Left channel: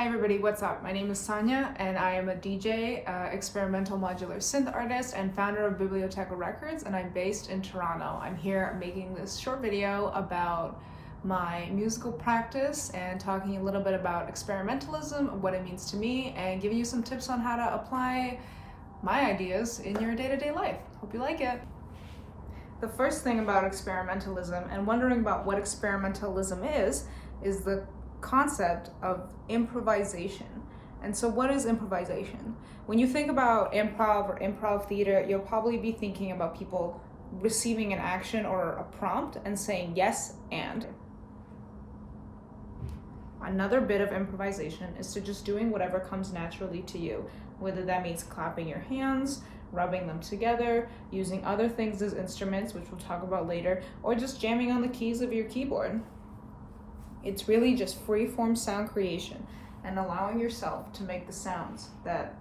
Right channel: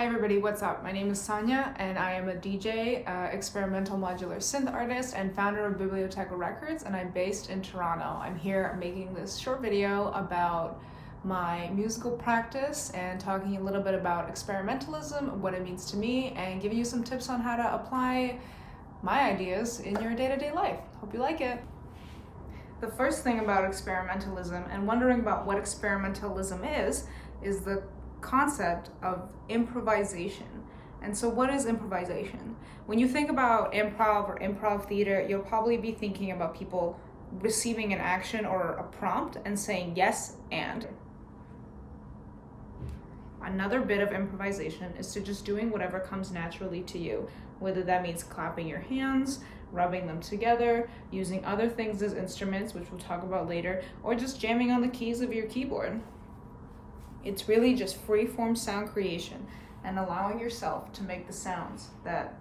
Hi everybody, what's up? My name is Sonja and I am a DJ, experimental modular synth artist and founder of Biblioteca Records, and I'm based in Toronto. I'm here making this short video about my musical practice and talking a little bit about experimentalism, what it means to me, and giving you some tips on how to apply my ideas in your day-to-day life. Hope you like it. The first thing about experimentalism and wondering about what experimentalism is the concept of improvisation. And so what is improvisation? When you think about improv or improv theater, you'll probably be thinking about people receiving an action or a prompt and saying yes and. Another bit of improvisation is to just doing whatever comes naturally to you, whether that means clapping your hands, rubbing them together, using other things as instruments, which we'll talk about later, or just jamming on the keys of your keyboard. It's really just free-form sound creation and allowing yourself to make the sounds that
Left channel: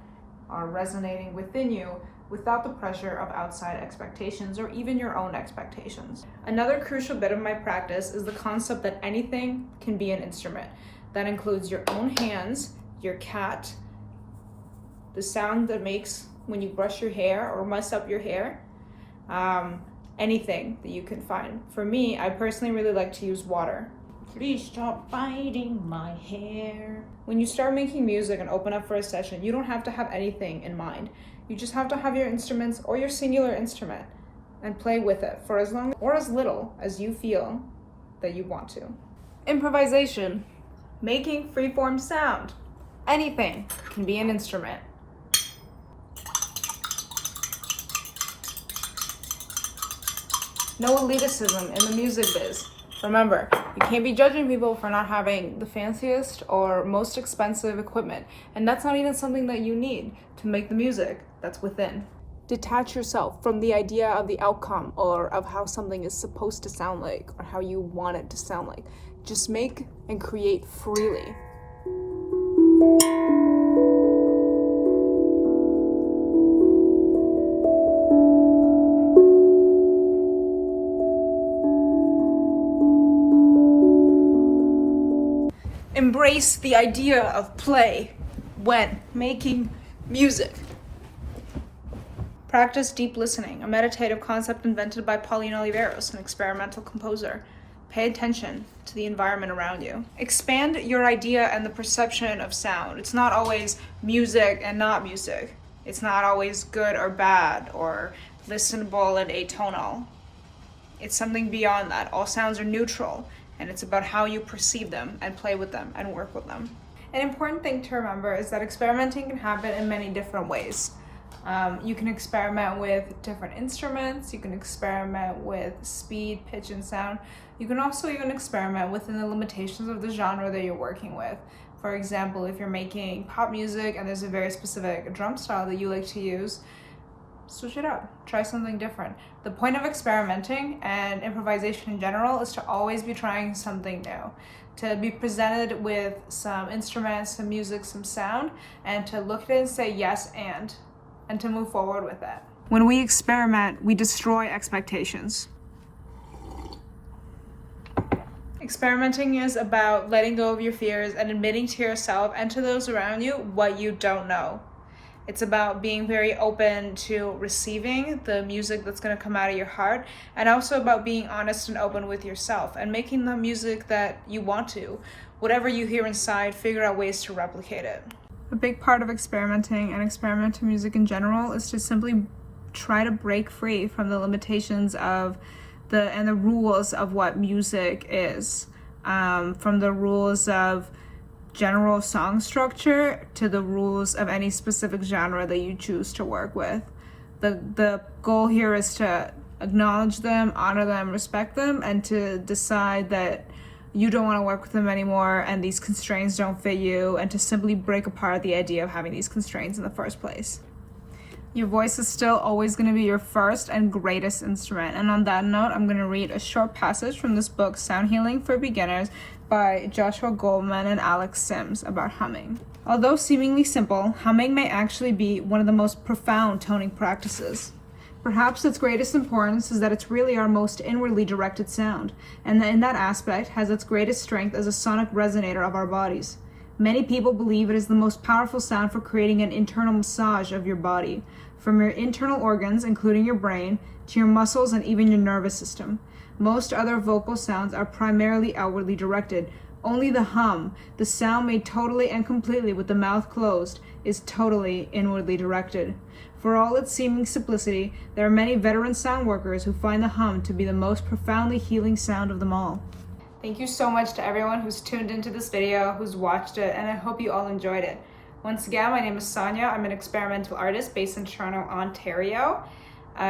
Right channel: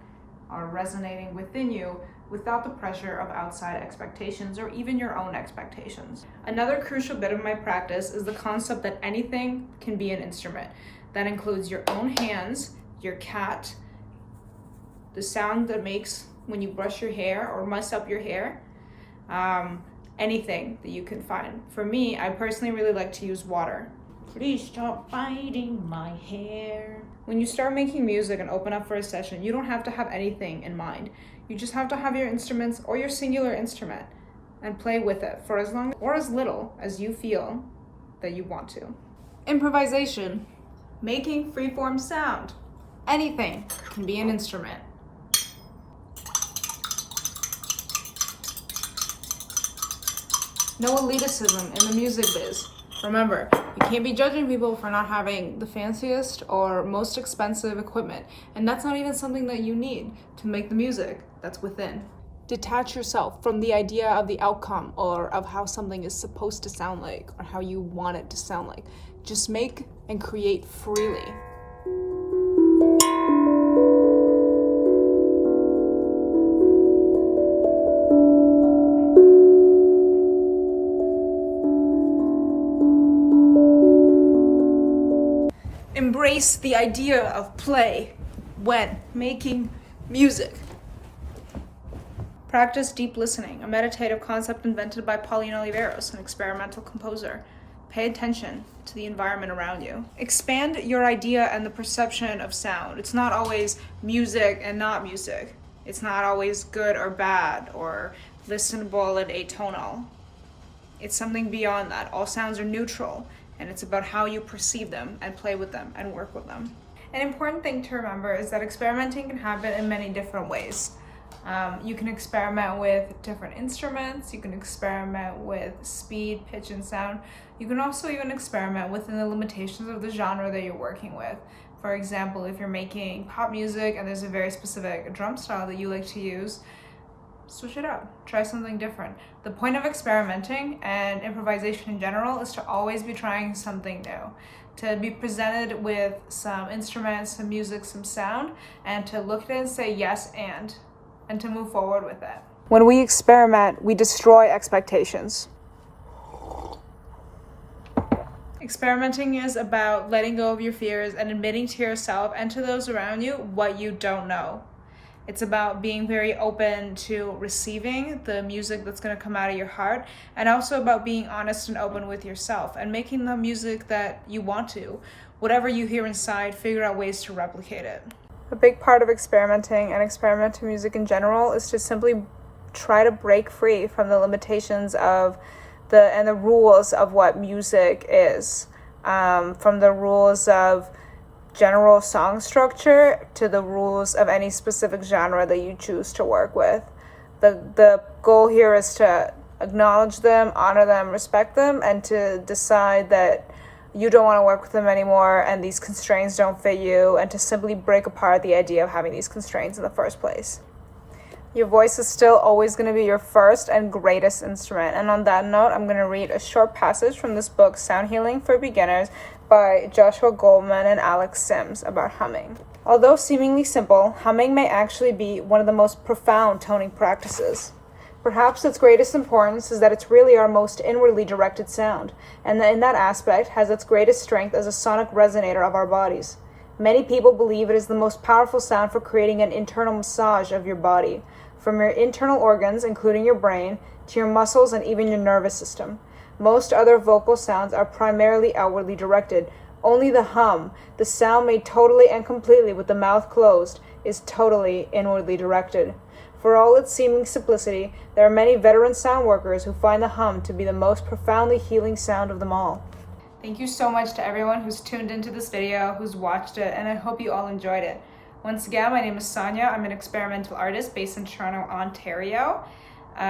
are resonating within you without the pressure of outside expectations or even your own expectations. Another crucial bit of my practice is the concept that anything can be an instrument. That includes your own hands, your cat, the sound that makes when you brush your hair or mess up your hair, anything that you can find. For me, I personally really like to use water. Please stop biting my hair. When you start making music and open up for a session, you don't have to have anything in mind. You just have to have your instruments or your singular instrument and play with it for as long or as little as you feel that you want to. Improvisation, making freeform sound. Anything can be an instrument. No elitism in the music biz. Remember, you can't be judging people for not having the fanciest or most expensive equipment, and that's not even something that you need to make the music that's within. Detach yourself from the idea of the outcome or of how something is supposed to sound like or how you want it to sound like. Just make and create freely. Embrace the idea of play when making music. Practice deep listening, a meditative concept invented by Pauline Oliveros, an experimental composer. Pay attention to the environment around you. Expand your idea and the perception of sound. It's not always music and not music. It's not always good or bad or listenable and atonal. It's something beyond that. All sounds are neutral, and it's about how you perceive them and play with them and work with them. An important thing to remember is that experimenting can happen in many different ways. You can experiment with different instruments, you can experiment with speed, pitch, and sound. You can also even experiment within the limitations of the genre that you're working with. For example, if you're making pop music and there's a very specific drum style that you like to use, switch it up, try something different. The point of experimenting and improvisation in general is to always be trying something new, to be presented with some instruments, some music, some sound, and to look at it and say yes and to move forward with it. When we experiment, we destroy expectations. Experimenting is about letting go of your fears and admitting to yourself and to those around you what you don't know. It's about being very open to receiving the music that's going to come out of your heart, and also about being honest and open with yourself and making the music that you want to. Whatever you hear inside, figure out ways to replicate it. A big part of experimenting and experimental music in general is to simply try to break free from the limitations of the rules of what music is, from the rules of general song structure to the rules of any specific genre that you choose to work with. The goal here is to acknowledge them, honor them, respect them, and to decide that you don't want to work with them anymore and these constraints don't fit you, and to simply break apart the idea of having these constraints in the first place. Your voice is still always going to be your first and greatest instrument. And on that note, I'm going to read a short passage from this book, Sound Healing for Beginners, by Joshua Goldman and Alex Sims, about humming. Although seemingly simple, humming may actually be one of the most profound toning practices. Perhaps its greatest importance is that it's really our most inwardly directed sound, and that in that aspect has its greatest strength as a sonic resonator of our bodies. Many people believe it is the most powerful sound for creating an internal massage of your body, from your internal organs, including your brain, to your muscles and even your nervous system. Most other vocal sounds are primarily outwardly directed. Only the hum, the sound made totally and completely with the mouth closed, is totally inwardly directed. For all its seeming simplicity, there are many veteran sound workers who find the hum to be the most profoundly healing sound of them all. Thank you so much to everyone who's tuned into this video, who's watched it, and I hope you all enjoyed it. Once again, my name is Sonja. I'm an experimental artist based in Toronto, Ontario.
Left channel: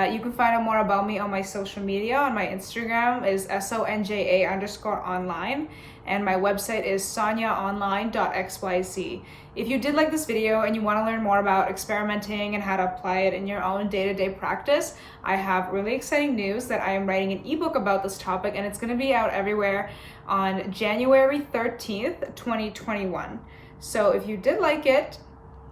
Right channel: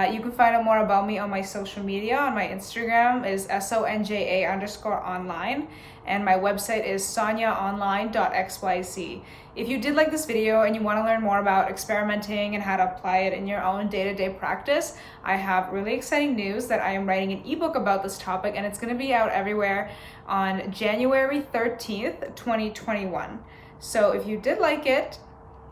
You can find out more about me on my social media. On my Instagram is sonja_online, and my website is sonjaonline.xyz. If you did like this video and you want to learn more about experimenting and how to apply it in your own day-to-day practice, I have really exciting news that I am writing an ebook about this topic, and it's going to be out everywhere on January 13th, 2021. So if you did like it,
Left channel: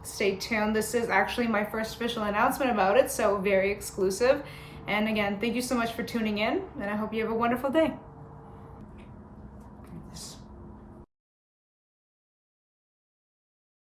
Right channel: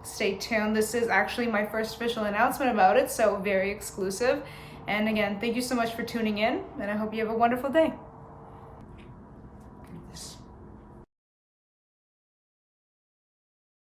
stay tuned. This is actually my first official announcement about it, so very exclusive. And again, thank you so much for tuning in, and I hope you have a wonderful day.